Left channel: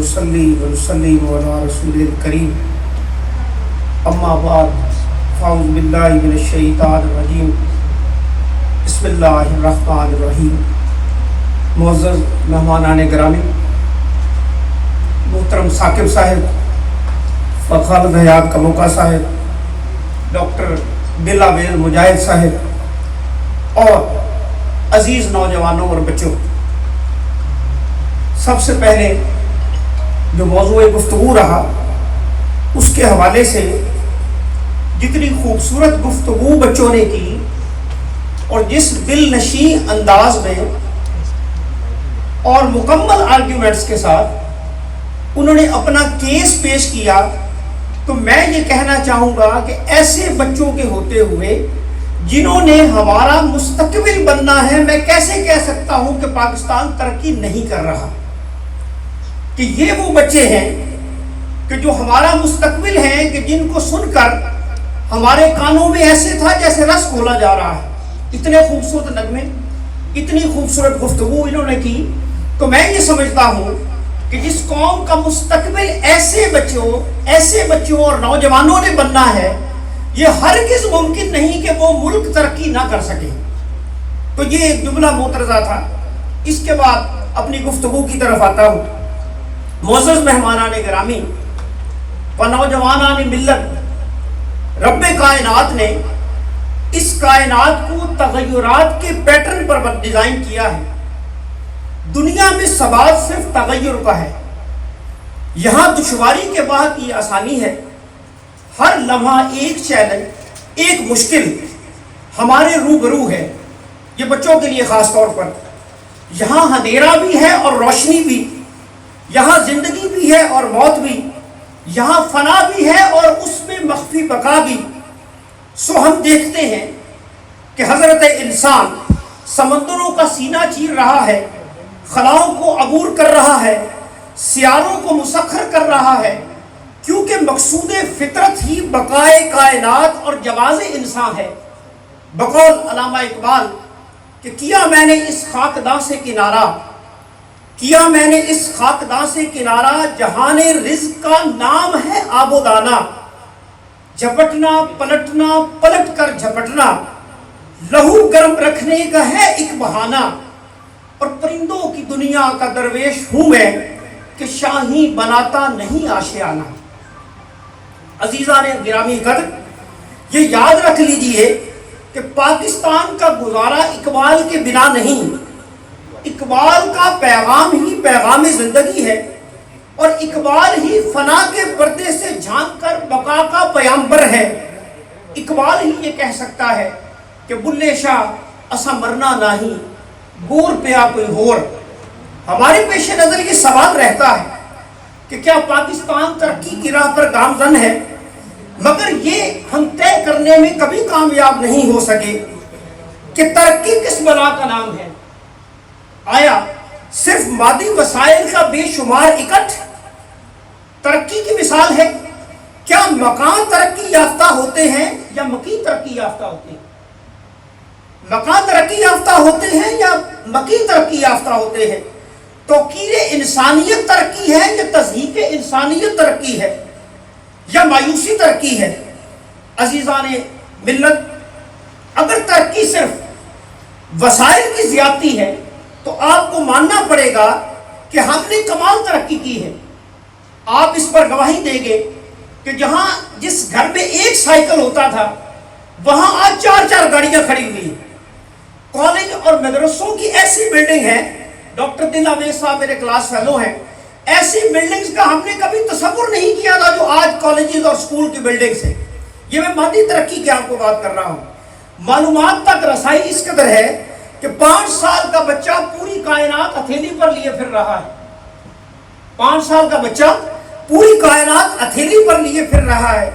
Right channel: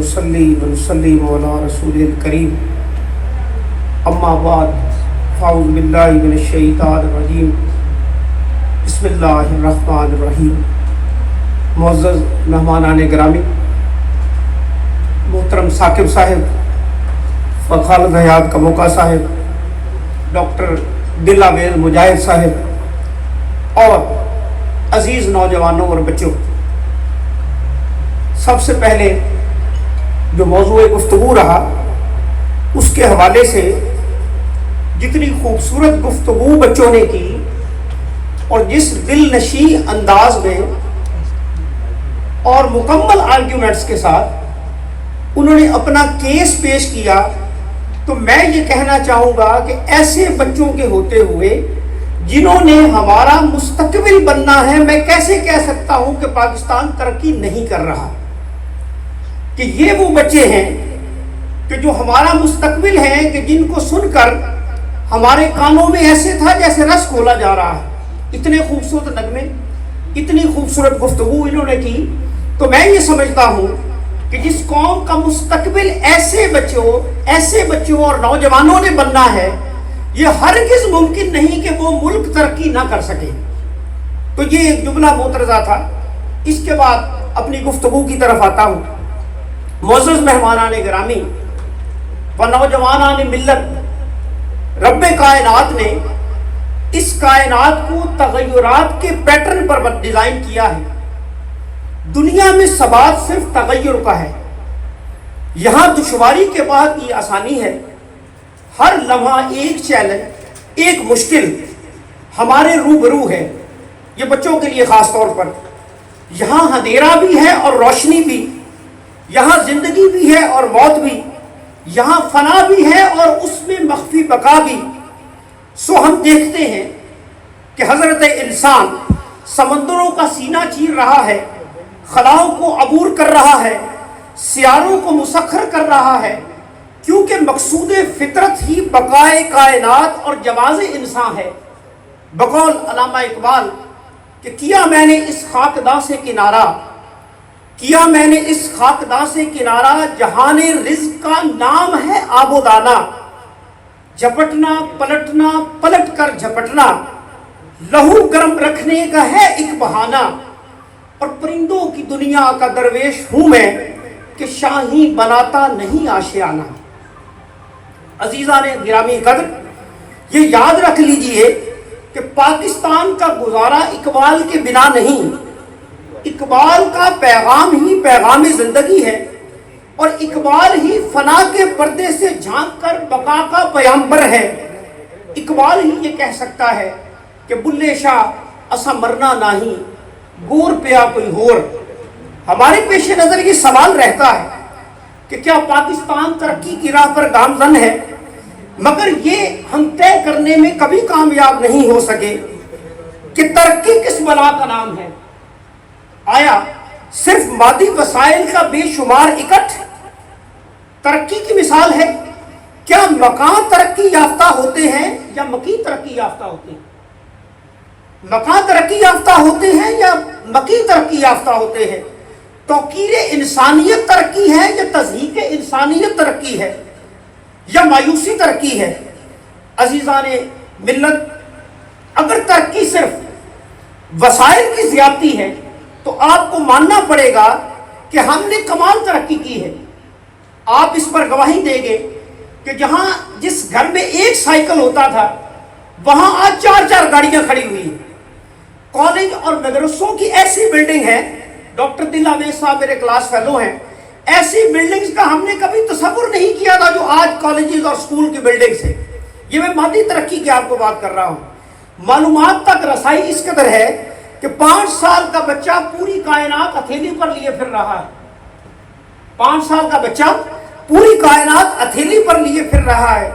ونصلي ونسلم على رسول الكريم اما بعد فاعوذ باللہ من الشیطان الرجیم بسم اللہ الرحمن الرحیم۔ معزز مہمانان گرامی، محترم ثاقب صاحب اور خالد حیات کموکا صاحب، ڈاکٹر دل عویل مجاہد صاحب اور عزیز نوجوانوں اور بچوں، سب سے پہلے جو موضوع گفتگو رہا اس کے حوالے سے جتنی خوبصورت گفتگو بچوں نے کی اور جس دل نشین انداز میں اور مکمل آرگیومنٹس کے ساتھ انہوں نے اپنا کیس پیش کیا، تو میں یہ کہنا چاہوں گا کہ ایسے بچوں کے ہوتے ہوئے جنہوں نے ہمارا مستقبل بننا ہے، میں کیسے کہہ سکتا ہوں کہ پاکستان ترقی نہیں کر رہا؟ کہ یہ وہ بچے ہیں کہ جو ہمارا مستقبل ہے، کہ جن کو سن کر ہمارے کانوں میں ایسے تھا جیسے رس کھولا جا رہا ہے۔ اتنے خوبصورت نغمے، اتنی خوبصورت گفتگو انہوں نے کی، تو میں یہ سمجھتا ہوں کہ جس قوم کا مستقبل ایسے بچوں اور نوجوانوں نے بننا ہے، یہ ہرگز ممکن نہیں کہ وہ ملک ترقی نہ کر سکے۔ تو یہ ایک جملہ معترضہ تھا۔ اس کے بعد اپنی گفتگو کی طرف آتا ہوں۔ معزز مہمانان گرامی و نوجوانان ملت، رب کائنات نے اس کائنات کو تغیرات کے پیٹرن پر ڈیزائن کیا ہے۔ دنیا میں ثبات صرف تغیر کا ہے، یہاں دشواری کے بعد یہ آسانی ہے۔ ہر لمحہ ایک چیلنج، ایک مشکل ہمارے روبرو ہے، یہ بچوں کے لیے خاص طور پر۔ یہاں اندھیرا بھی ہے اور روشنی بھی، یہاں زندگی بھی ہے اور موت بھی، یہاں فنا بھی ہے اور اس میں مخفی بقا بھی۔ سو ہم دیکھتے ہیں کہ حضرت انسان سمندروں کا سینہ چیر رہا ہے، خلاؤں کو عبور کر رہا ہے، سیاروں کو مسخر کر رہا ہے، کیونکہ مقصود فطرت ہی بقائے کائنات اور جواز انسان ہے۔ بقول علامہ اقبال کہ کیا میں نے اس خاکداں سے کنارہ، کیا میں نے اس خاکداں سے کنارہ، جہان رزق کا نام ہے آب و دانہ، جھپٹنا پلٹنا پلٹ کر جھپٹنا، لہو گرم رکھنے کا ہے ایک بہانہ، اور پرندوں کی دنیا کا درویش ہوں میں کہ شاہین بناتا نہیں آشیانہ۔ عزیزان گرامی قدر، یہ یاد رکھ لیجئے کہ پاکستان کا گزارا اقبال کے بنا نہیں، اقبال کا پیغام ہی پیغام زندگی ہے، اور اقبال ہی فنا کے پردے سے جھانک کر بقا کا پیامبر ہے۔ اقبال ہی یہ کہہ سکتا ہے کہ بلے شاہ اسا مرنا نہیں، گور پیا کوئی ہور۔ ہمارے پیش نظر یہ سوال رہتا ہے کہ کیا پاکستان ترقی کی راہ پر گامزن ہے، مگر یہ ہم طے کرنے میں کبھی کامیاب نہیں ہو سکے کہ ترقی کس بلا کا نام ہے۔ آیا صرف مادی وسائل کا بے شمار اکٹھ ترقی کی مثال ہے؟ کیا مکان ترقی یافتہ ہوتے ہیں یا مکی ترقی یافتہ ہوتے ہیں؟ مکان ترقی یافتہ ہوتے ہیں یا مکی ترقی یافتہ ہوتے ہیں؟ توقیر انسانیت ترقی ہے یا تضحیق انسانیت ترقی ہے یا مایوسی ترقی ہے؟ عزیزان ملت، اگر ترقی صرف وسائل کی زیادتی ہے تو آپ کو ماننا پڑے گا کہ ہم نے کمال ترقی کی ہے۔ آپ اس پر گواہی دیں گے کہ جس گھر میں ایک سائیکل ہوتا تھا وہاں آج 4 گاڑیاں کھڑی ہوئی ہیں۔ کالج اور مدرسوں کی ایسی بلڈنگ ہے، ڈاکٹر دل عویل صاحب میرے کلاس فیلو ہیں، ایسی بلڈنگز کا ہم نے کبھی تصور نہیں کیا تھا جو آج کالجز اور سکول کی بلڈنگز ہیں۔ یہ میں مادی ترقی کی آپ کو بات کر رہا ہوں۔ معلومات تک رسائی اس قدر ہے کہ 5 سال کا بچہ پوری کائنات ہتھیلی پر لیے پھر رہا ہے۔ 5 سال کا بچہ پوری کائنات ہتھیلی پر لیے پھر رہا ہے۔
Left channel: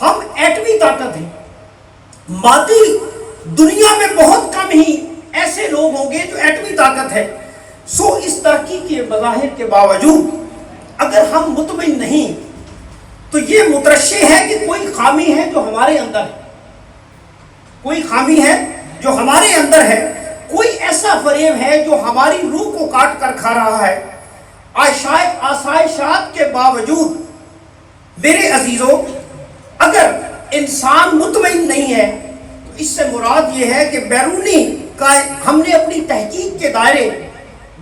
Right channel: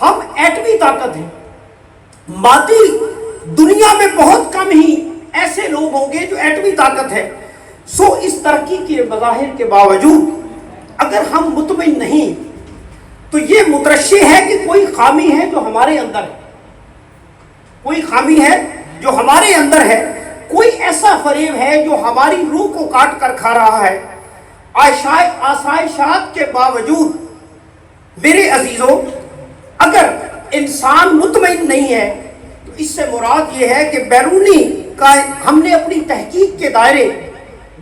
ہم ایٹمی طاقت ہیں۔ مادی دنیا میں بہت کم ہی ایسے لوگ ہوں گے جو ایٹمی طاقت ہے۔ سو اس ترقی کے مظاہر کے باوجود اگر ہم مطمئن نہیں تو یہ مترشح ہے کہ کوئی خامی ہے جو ہمارے اندر ہے، کوئی خامی ہے جو ہمارے اندر ہے، کوئی ایسا فریب ہے جو ہماری روح کو کاٹ کر کھا رہا ہے۔ آسائشات کے باوجود میرے عزیزوں اگر انسان مطمئن نہیں ہے تو اس سے مراد یہ ہے کہ ہم نے اپنی تحقیق کے دائرے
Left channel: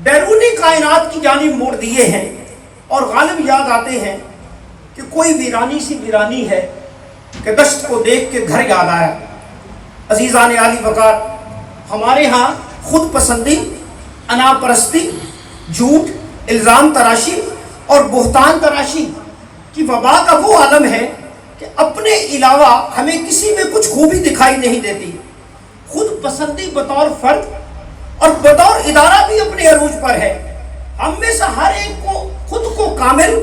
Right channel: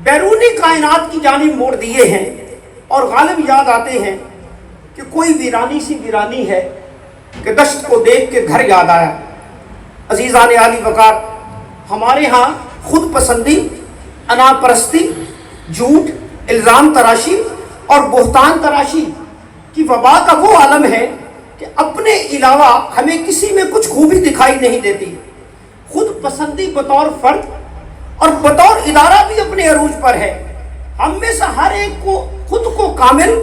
بیرونی کائنات کی جانب موڑ دیے ہیں اور غالب یاد آتے ہیں کہ کوئی ویرانی سی ویرانی ہے کہ دشت کو دیکھ کے گھر یاد آیا۔ عزیزان عالی وقار، ہمارے ہاں خود پسندی، انا پرستی، جھوٹ، الزام تراشی اور بہتان تراشی کی وبا کا وہ عالم ہے کہ اپنے علاوہ ہمیں کسی میں کچھ خوبی دکھائی نہیں دیتی۔ خود پسندی بطور فرد اور بطور ادارہ بھی اپنے عروج پر ہے۔ ہم میں سے ہر ایک کو خود کو کامل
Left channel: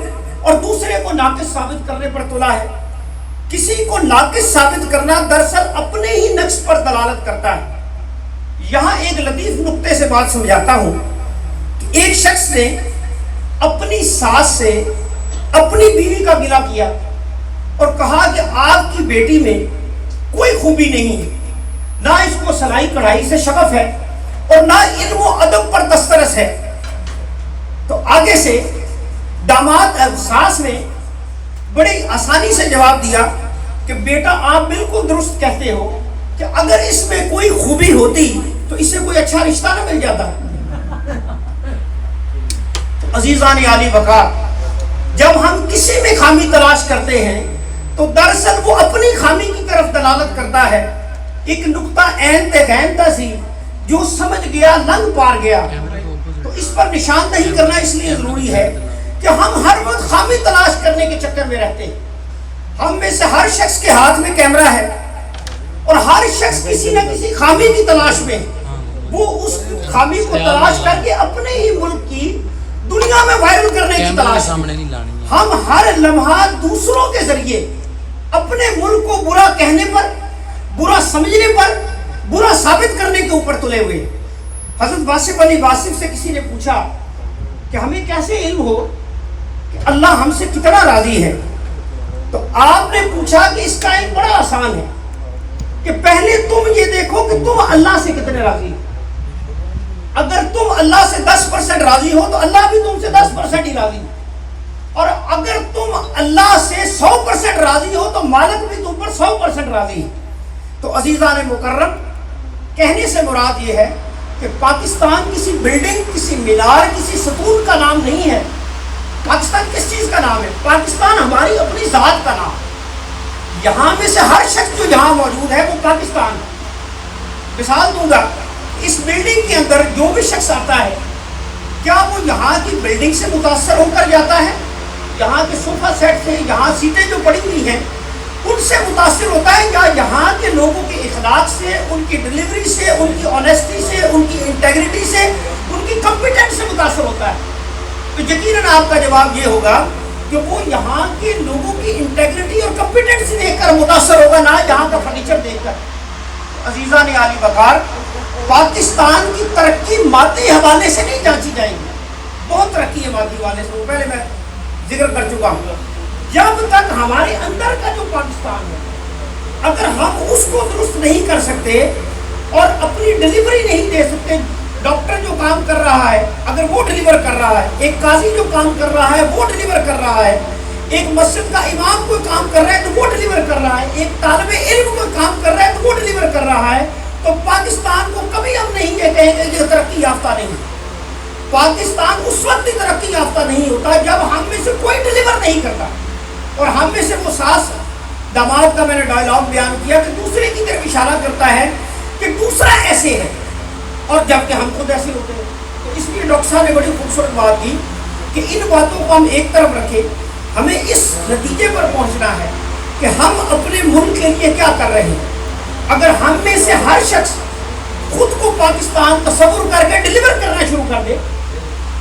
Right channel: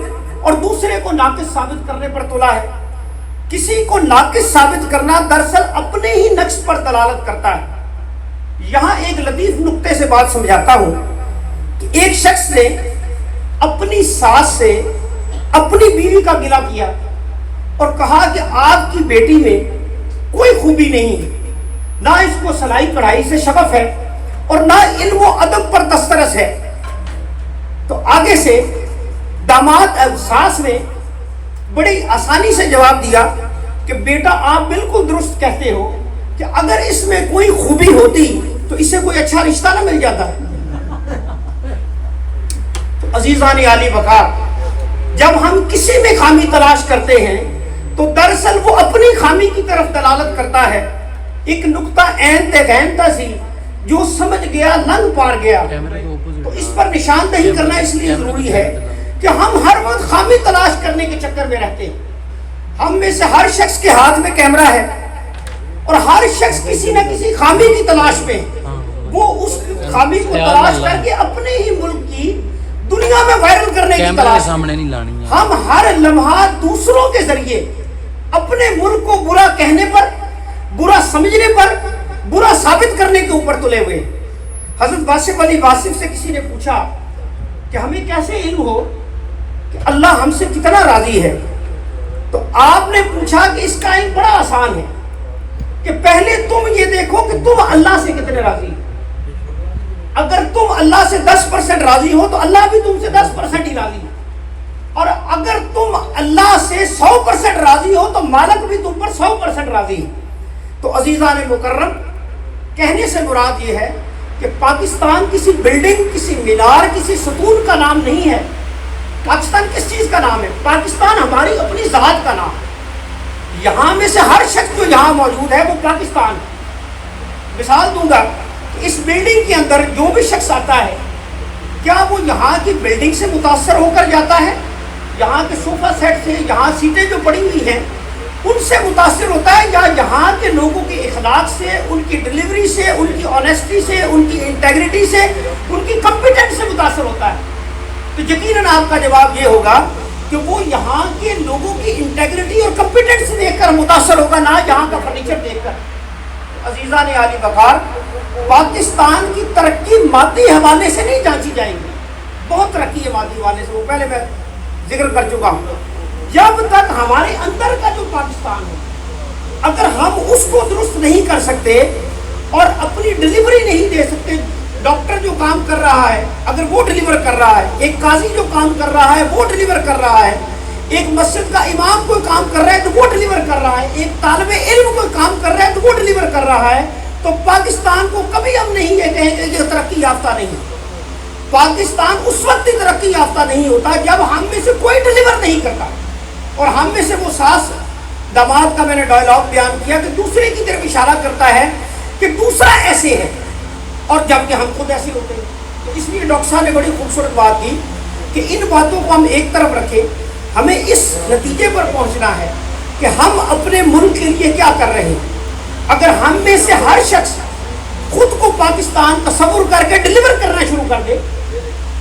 اور دوسرے کو ناقص ثابت کرنے پر تلا ہے۔ کسی کو ناقص ثابت کرنا دراصل اپنے ہی نقص پر دلالت کرتا ہے۔ یہاں ایک لطیف نقطے سے بات سمجھاتا ہوں کہ ایک شخص نے اپنی ساس سے اپنی بیوی کا گلہ کیا اور کہا کہ آپ کی بیٹی میں کوئی خوبی نہیں ہے، نہ اس کو سلائی کڑھائی سے شغف ہے اور نہ علم و ادب پر دسترس ہے۔ تو آگے سے داماد ساس نے بڑی آسانی سے جواب دیا کہ بیٹا آپ بالکل درست کہتے ہو کہ اگر اس میں کوئی خوبی ہوتی تو اسے کوئی اچھا رشتہ نہ مل جاتا۔ تو عزیزان عالی وقار، جب ہم کسی میں خامی تلاش کرتے ہیں تو دراصل وہ اپنی خامی کی طرف دلالت کرتا ہے۔ ایک نقطہ عین تغین سی جو سمجھ گیا لنگ پار گیا۔ تو اس پر نشاندہی کرنا اس لیے ضروری ہے کہ ہم ہر وقت خامی تلاش کرنے کے چکر میں رہتے ہیں۔ ہم میں سے ہر شخص کے ہاتھ میں کیمرہ ہے اور ہر شخص کسی نہ کسی خامی کی تلاش میں، وہ اس خامی کو تلاش کر کے اپنے ہی ملک کی دنیا میں وائرل کرنے کی تلاش۔ ہم ہر لمحہ دوسروں کے ذریعے اپنے ملک کو برا کہنے پر، برا سمجھنے پر، برا ثابت کرنے کے اوپر تلے ہوئے۔ حضرت واصف علی واصف سے کسی نے پوچھا کہ ہمیں کیسے علم ہو کہ اللہ ہم سے کتنا راضی ہے؟ تو آپ نے پوچھا کہ اس کا علم بڑا آسان ہے کہ پہلے تم یہ دیکھو کہ تم اللہ سے کتنے راضی ہو۔ اگر تم اللہ سے 10% راضی ہو تو اللہ بھی تم سے 10% ہی راضی ہے، اور اگر تم اللہ سے 100% راضی ہو تو مالک بھی تم پر 100% راضی ہے۔ تو عزیزان مکرم، کہنے سے مراد یہ ہے کہ پاکستان کسی بلڈنگ، کسی مینار، کسی ستون کا نام نہیں ہے۔ پاکستان کس چیز کا نام ہے؟ پاکستان ہماری اپنی ذات کا نام ہے۔ یہاں میں سے ہر شخص جو یہاں موجود ہے وہ پاکستان ہے۔ مثال دوں گا، اس بلڈنگ کے اندر جو بھی شخص آتا ہے، کیا وہ یہاں کی بلڈنگ سے متاثر ہو کر جاتا ہے؟ یہاں کے صوفہ سیٹ سے، یہاں سیٹیں جو پڑی ہوئی ہیں ان سے متاثر ہوتا ہے، یا یہاں کے لوگوں کے اخلاق سے، ان کی ڈلیوری سے، ان کی آنیسٹی سے، ان کی انٹیگریٹی سے، ان کی کمپیٹنس سے متاثر ہوتا ہے؟ تو یقیناً آپ کا جواب یہ ہوگا کہ وہ یہاں کے لوگوں کی انٹیگریٹی اور کمپیٹنس دیکھ کر متاثر ہوگا، نہ یہاں کا فرنیچر دیکھ کر۔ عزیزان عالی وقار، پاکستان کی ترقی مادی حوالے سے نہیں جانچی جائے گی۔ بہت ترقی ہے مادی حوالے سے، وہ پہلے میں ذکر کر چکا ہوں۔ جب تک ہمارے اندر کا جو پاکستان ہے، اگر ہم اس کو درست نہیں کر سکتے اور اپنی ڈلیوری نہیں دے سکتے، ڈاکٹر جو کام کر رہا ہے اگر وہ ڈلیور کر رہا ہے، ایک قاضی جو کام کر رہا ہے وہ ڈلیور کر رہا ہے، ایک مسجد کا امام کوئی کام کر رہا ہے تو وہ ڈلیور کر رہا ہے، ایک طالب علم کوئی کام کر رہا ہے تو وہ ڈلیور کر رہا ہے، تو پاکستان کو کبھی ہم نہیں یہ کہیں گے کہ ترقی یافتہ نہیں۔ پاکستان اس وقت ہی ترقی یافتہ نہیں ہوتا جب ہم میں سے کوئی ڈلیور نہیں کرتا، اور ہم میں سے وہ ساس داماد کا میں نے ڈائلاگ بیان کیا کہ دوسرے کی طرف اشارہ کرتا ہے کہ دوسرا ایسے ہے، اور جبکہ ہم خود ایسے ہوتے ہیں۔ تو اس لیے ڈاکٹر صاحب نے بڑی خوبصورت بات کی کہ ان باتوں کو ہم ایک طرف رکھیں، ہمیں اس نتیجے پر پہنچنا ہے کہ ہم اپنے ملک کے لیے کیا کر رہے ہیں۔ اگر ہم میں سے ہر شخص خود کو پاکستان تصور کر کے ڈلیور کرنا شروع کر دے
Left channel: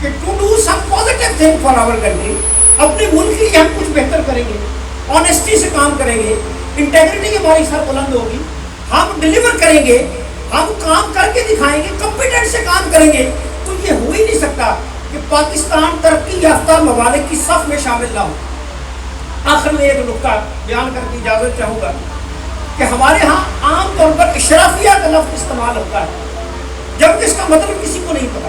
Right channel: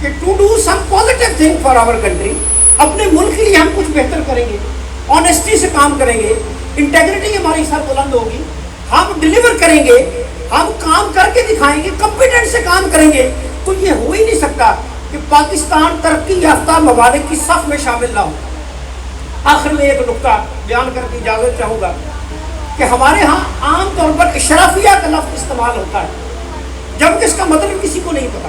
کہ to do some positive thing for our country, اپنے ملک کے لیے ہم کچھ بہتر کریں گے، آنیسٹی سے کام کریں گے، انٹیگریٹی ہماری سر بلند ہوگی، ہم ڈلیور کریں گے، ہم کام کر کے دکھائیں گے، کمپیٹنٹ سے کام کریں گے، تو یہ ہو ہی نہیں سکتا کہ پاکستان ترقی یافتہ ممالک کی صف میں شامل نہ ہو۔ آخر میں ایک نکتہ بیان کر کے اجازت چاہوں گا کہ ہمارے ہاں عام طور پر اشرافیہ کا لفظ استعمال ہوتا ہے، جبکہ اس کا مطلب کسی کو نہیں پتا۔